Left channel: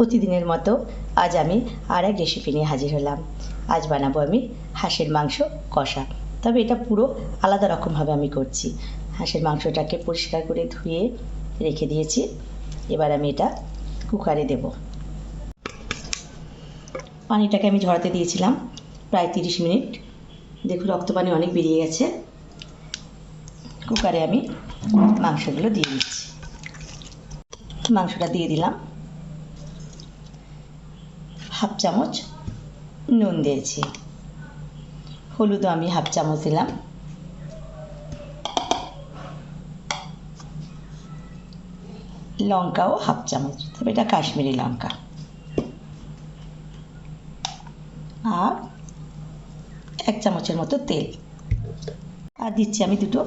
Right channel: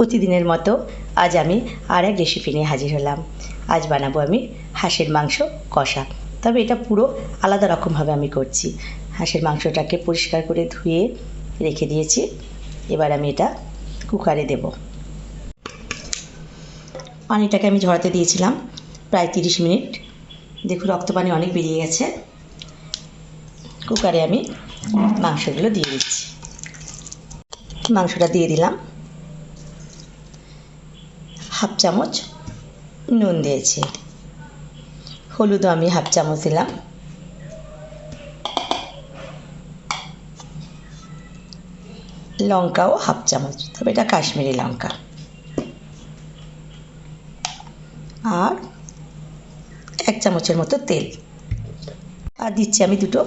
প্রতিদিনের মতো আজ আমি আর এক রেসিপি নিয়ে হাজির হলাম। আজ বানাবো আমি হাঁসের মাংস কষা। তবে এটা পুরো আলাদা রকমভাবে আমি করছি। হাঁসের মাংসটাকে পরিষ্কার করে ধুয়ে রেখে দিয়েছি। এবার আমি এটা কুকারে দেব। পানিটাকে আমি ঝরাতে দিয়েছিলাম প্রায় তিরিশ মিনিট। দেখুন, রক্ত পানি অনেক বেরিয়ে গেছে। কুকারে আমি মাংসগুলো দিয়ে দিচ্ছি। মাংসটা দিয়ে দিলাম। হাফ চামচ নুন দিয়েছি। হলুদও আমি হাফ চামচ দিলাম। লঙ্কাও হাফ চামচ, তবে এটা কাশ্মীরি লঙ্কা। আর এক চামচের মতো তেল। আর দিচ্ছি আমি দুটো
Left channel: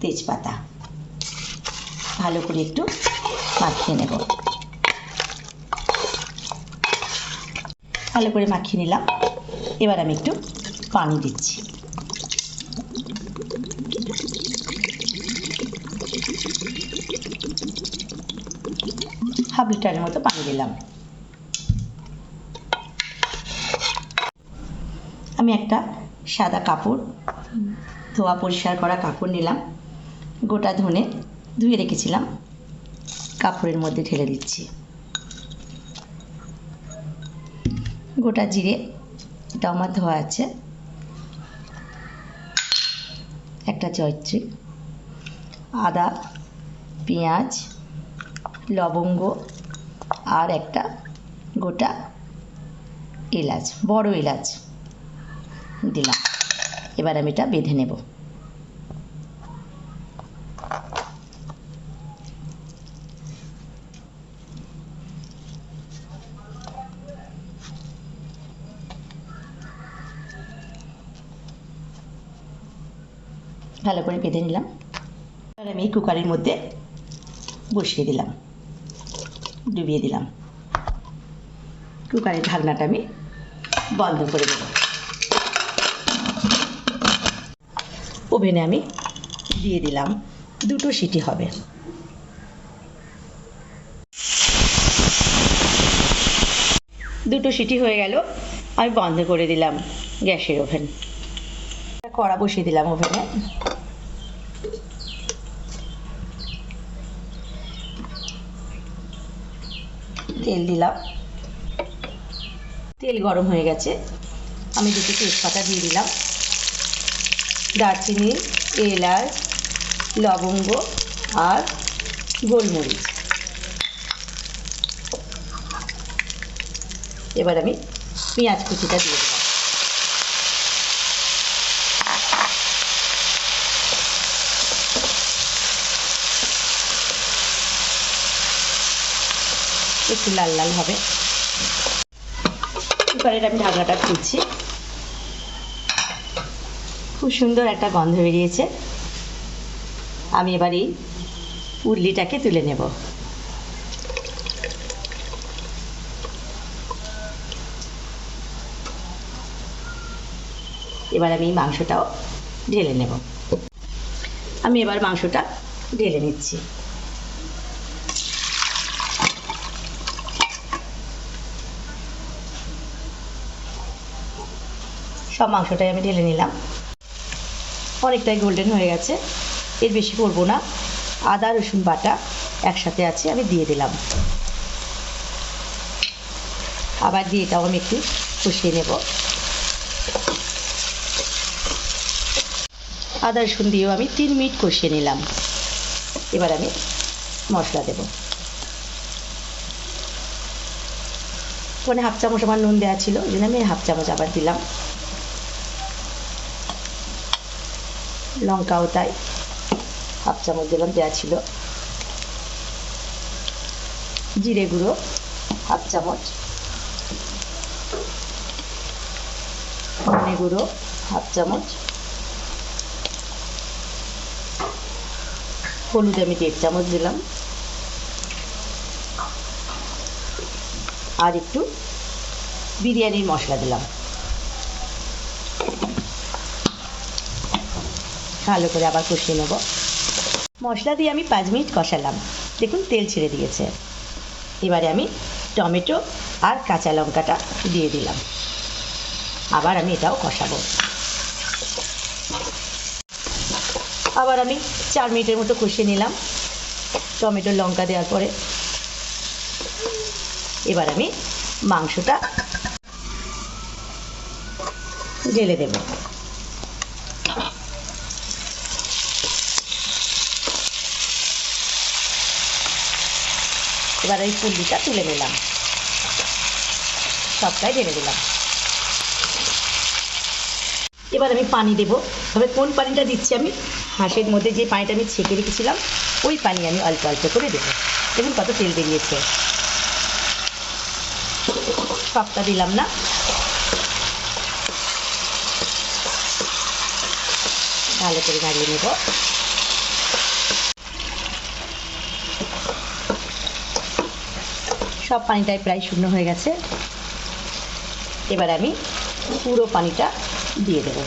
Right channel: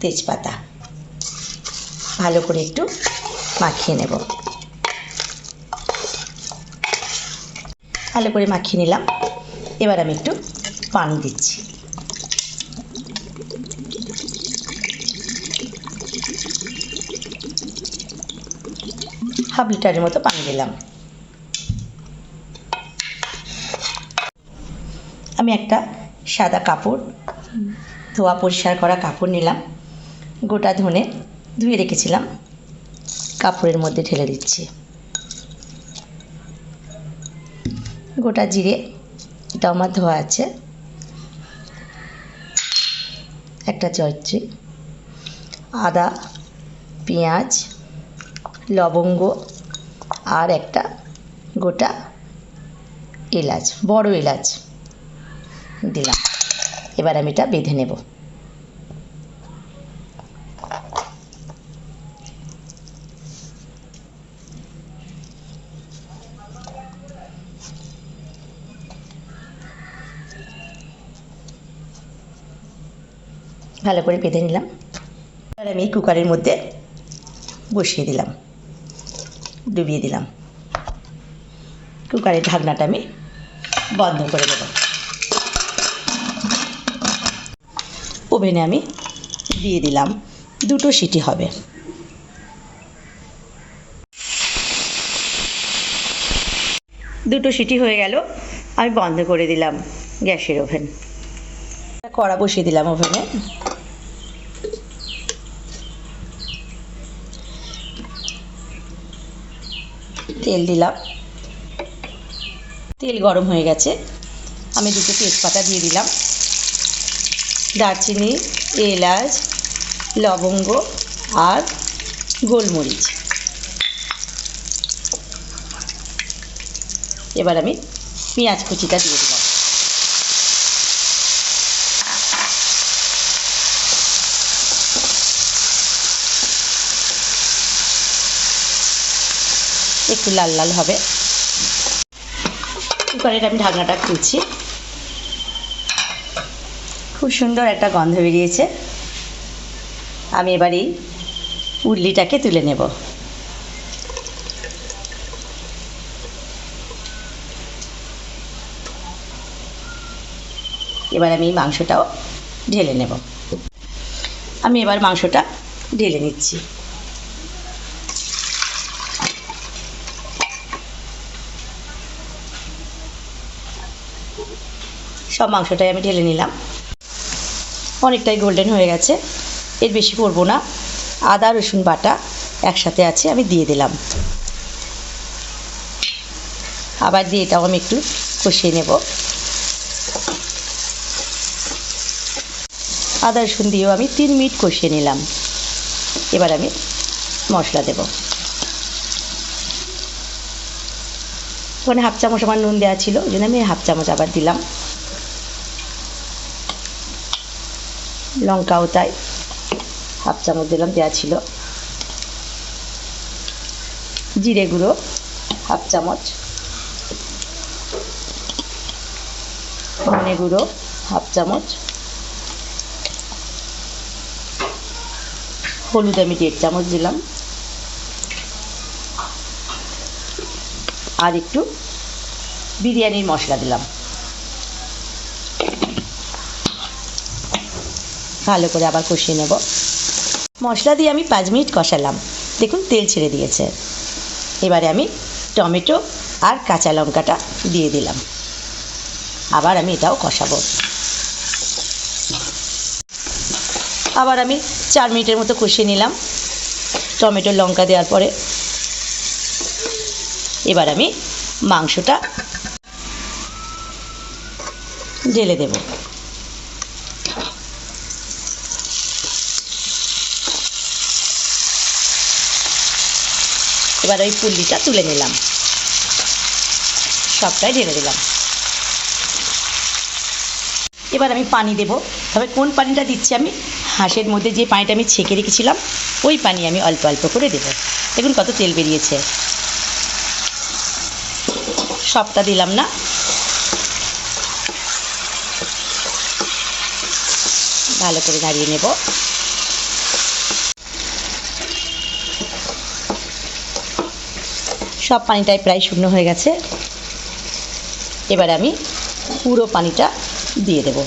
তেজপাতা। ভালো করে একটু মাখিয়ে নেব। ভালো করে মাখিয়ে নিলাম। এবার আমি একটু পানি দিচ্ছি। হাফ লিটারের মতো পানি দিলাম। আমি একটা সাদা কাপড়, ধোয়া পরিষ্কার করা কাপড় নিলাম। গোটা ধনে ধুয়ে রেখেছিলাম। কাপড়ের মধ্যে ঢেলে দিচ্ছি। গোটা জিরে আমার ধোয়া আছে। একটা জয়ত্রী আদা, পেঁয়াজ, লবঙ্গ আর একটা গোটা এলাচ, বড় এলাচ দিলাম। এবার আমি এটা বেঁধে নেব। ভালো করে বেঁধে নিলাম। এবার আমি কুকারের মধ্যে বসিয়ে দিলাম, ডুবিয়ে দিলাম। কুকারের ঢাকনাটা আমি বন্ধ করে দেব। ওভেনে আমি দিয়ে দিলাম দুটো সিটি হবে। দুটো সিটি হয়ে গেল, আমি বন্ধ করে দিলাম গ্যাসের ওভেন। কড়া বসিয়ে দিলাম ওভেনে। তেল দিলাম। তেল গরম হয়ে গেছে। আমি দুটো তেজপাতা দিয়ে দিলাম। দারচিনি, এলাচ, লবঙ্গ আর গোলমরিচ। এবার আমি পেঁয়াজ কুচিটা দিয়ে দিলাম একটু লাল লাল হবে। কুকারের আমি ঢাকনাটা খুলছি। খুব সুন্দর একটা গন্ধ বেরিয়েছে। আমি এবার এই উল্লিটাকে তুলে নেব। এবার আমি মাংসটাও ঢেলে নেব। আমি এবার মাংসটা ঢেলে নিচ্ছি। সব মাংসটাই আমি ঢেলে নিলাম। অনেকটাই গোল্ডেন হয়ে গেছে। এর বেশি করব না। আদা, রসুন বাটা একসাথে আছে, আমি দিয়ে দিলাম। আবার দিয়ে এটাও আমি একটু কষিয়ে নেব। আদা, রসুন দিয়েও আমি তিন মিনিট কষিয়ে নিলাম। এবার আমি মশলা দেব। ওখানে হাফ চামচ আমার নুন দেওয়া ছিল, ওই জন্য আমি হাফ চামচ আবার দিলাম। লঙ্কাও তাই। হাফ চামচ দিলাম দেওয়া ছিল। জিরে গুঁড়ো, হাফ চামচ। ধনে গুঁড়ো, হাফ চামচ। হলুদ আমি দেড় চামচ দিলাম। আর একটু বিরিয়ানির মশলা দিলাম। ভালো করে আবার কষিয়ে নেব। মশলা দিয়ে আমি পাঁচ মিনিট কষালাম। দেখুন, তেল ছেড়ে দিয়েছে। এবারে আমি টমেটো আর কাঁচা লঙ্কাটা দিয়ে দিলাম। আবার আমি এটাও কষাবো। আবার আমি চার মিনিটের মতো কষিয়ে নিলাম টমেটো লঙ্কা দেওয়ার পরে। এবার আমি মাংসটা ঢেলে দেব। এবার ওই পুল্লিটা তুলে নিলাম। সবটাই ঢেলে দিলাম। এবার আমি পানি দেব। তবে কোন পানিটা দিচ্ছি আমি? হাঁসের মধ্যে যে পানিটা আমি ছেঁকে রেখেছিলাম, ওই পানি আমি অল্প অল্প করে দেবো। দেখুন কত তেল বেরিয়েছে। সবটা দিলাম না। ভালো করে নাড়িয়ে নেব। সব পানিটাই প্রায় শূন্য হয়ে গেছে। এবার আমি পুরো পানিটা দিয়ে দেব।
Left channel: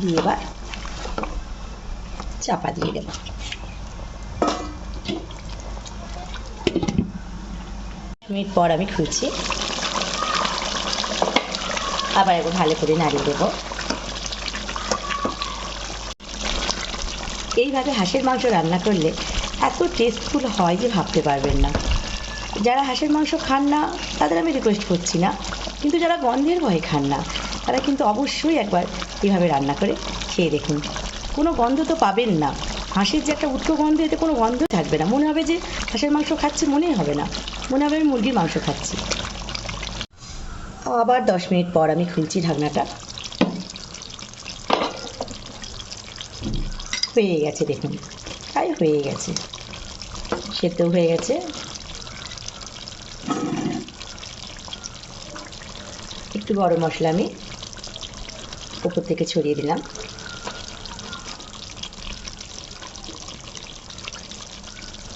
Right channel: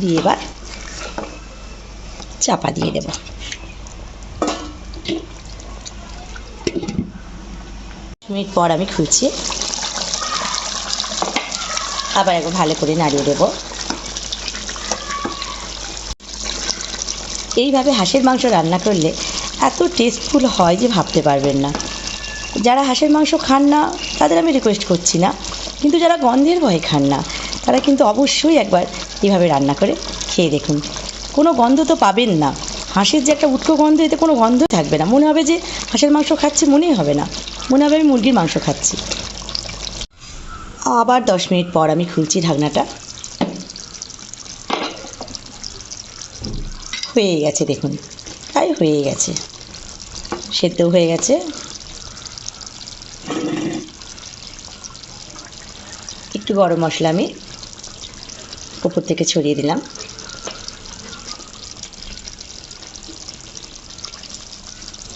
দিয়ে এবার চাপা দিয়ে দেব। মিনিট পর আমি খুলছি। আবার একবার ভালো করে নাড়িয়ে দেবো। এইভাবে হাঁসের মাংস রান্না করলে এত টেস্টফুল হয় যে ভাবতে পারবেন না। যারা হাঁসের মাংস খান না, তাদের আমি রিকোয়েস্ট করছি না। কিন্তু যারা গন্ধের ভয় খান না, তারা কিন্তু অবশ্যই একবার এইভাবে রান্না করে খেয়ে দেখুন। কোনো গন্ধ তো পাবেন না। হাঁসের যে একটা উটকো গন্ধ, এতে কোনো গন্ধ থাকবে না। মনে হবে যে হাঁসের মাংস খাচ্ছি, মনেই হবে না। মনে হবে আমি মুরগির মাংস খাচ্ছি। আবার দশ মিনিট পর আমি খুলছি ঢাকনাটা। হয়ে গেছে দেখুন, প্রায় হয়ে গেছে। সেদ্ধ হয়ে গেছে। একটু গরম মশলা আমি উপর থেকে ছড়িয়ে দিলাম।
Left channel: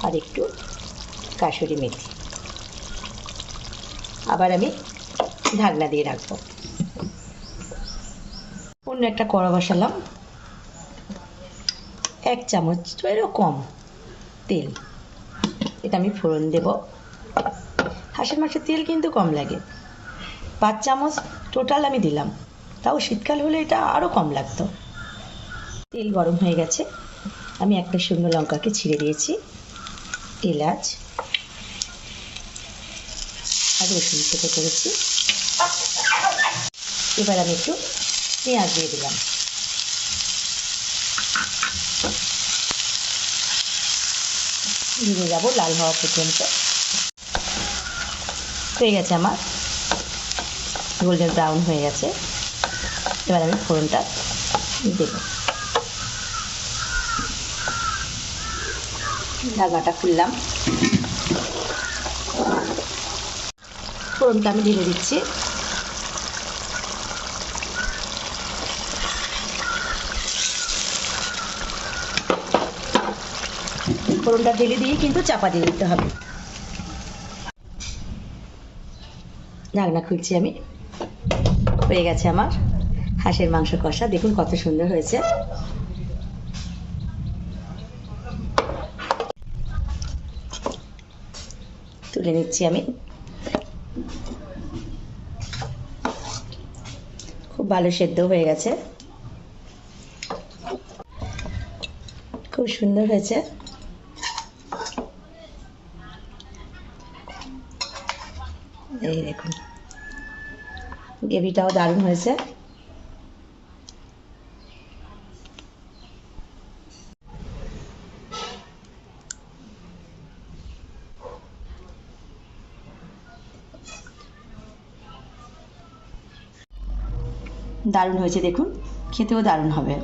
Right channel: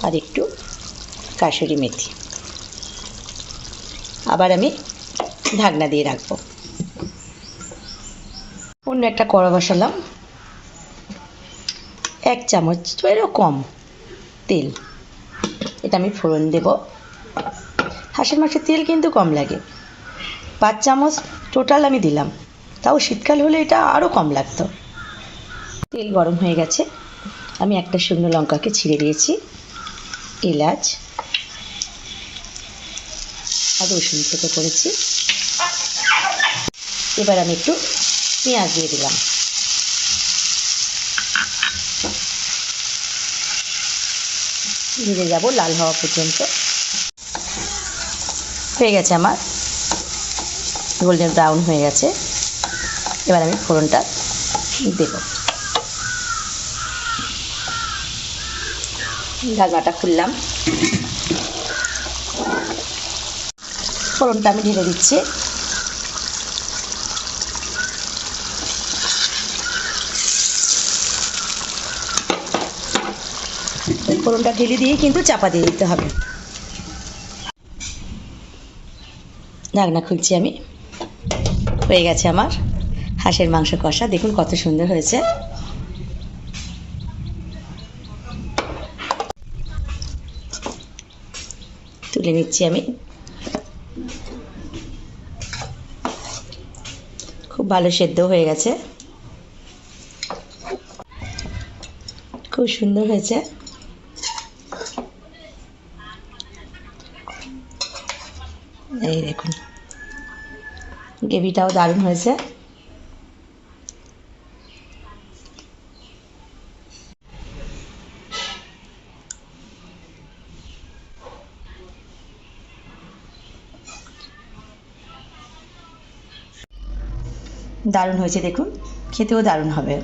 আর একটু কাসুরি মেথি। আবার আমি ঢাকনা দিয়ে রাখব। অন্য একটা কড়া বসালাম। এক চামচ এরও কম তেল। এটা আমি ফোড়ন দেব। হাঁসের মাংসের তেল কিন্তু কম লাগে। পাঁচ চামচ টোটাল আমি দিলাম। তাও শীতকাল হলে এটা আরও কম লাগতো। তেল গরম হয়ে গেছে। আমি একটা শুকনো লঙ্কাকে ছিঁড়ে দিয়েছি। এলাচ আর রসুন থেকে করেছি। এবার আমি একটু পেঁয়াজ দিয়ে দিলাম। ভেজে যাব লাল হওয়া পর্যন্ত। হয়ে গেছে আমার। গোল্ডেন ব্রাউন হয়ে গেছে। এবার আমি ফোড়নটা দেব। ঢাকাটা খুললাম। ফোড়নটা আমি ঢেলে দিচ্ছি। ফোড়নটা ঢেলে দিয়ে কিন্তু চাপা দিয়ে দিতে হবে। ঢাকনা খুলছি আমি। হয়ে গেছে আমার হাঁসের মাংস কষা। দেখুন কত সুন্দর হয়েছে। তুলে নিচ্ছি আমি। খুব ভালো সেদ্ধ হয়ে গেছে। খুব সুন্দর হয়েছে। এই দেখুন। গ্রেভিটাও দারুণ হয়েছে। দারুণ হয়েছে, দেখুন। খেতেও দারুণ হবে।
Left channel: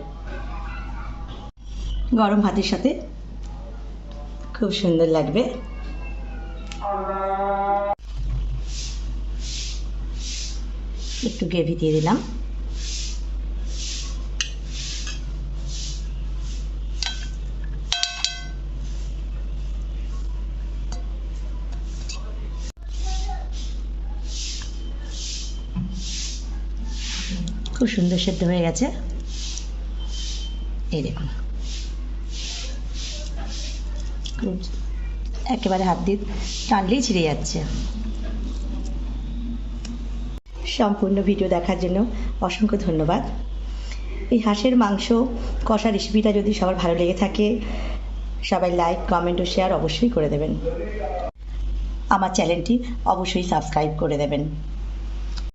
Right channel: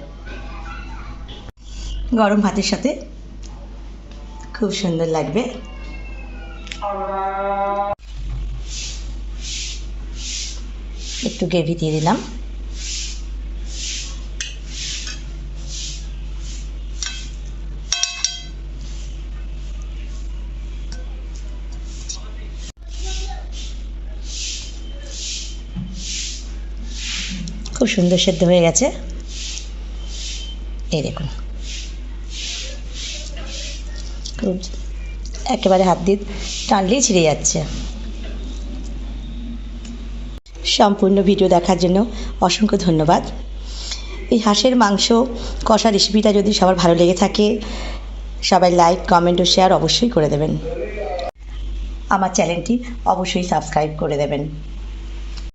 গরম ভাতের সাথে খুব সুন্দর লাগবে। একটু গ্রেভি দিয়ে দিলাম। খুব সুন্দর সেদ্ধ হয়ে গেছে। এই দেখুন। একেবারে হাত দিয়ে টানলেই ছিঁড়ে যাচ্ছে। সম্পূর্ণ ভিডিও দেখার জন্য অসংখ্য ধন্যবাদ। এই হাঁসের মাংস, কষা রেসিপিটা যদি সবার ভালো লেগে থাকে, সবাই লাইক কমেন্ট ও শেয়ার অবশ্যই করে দেবেন। আমার চ্যানেলটি অবশ্যই সাবস্ক্রাইব করে দেবেন।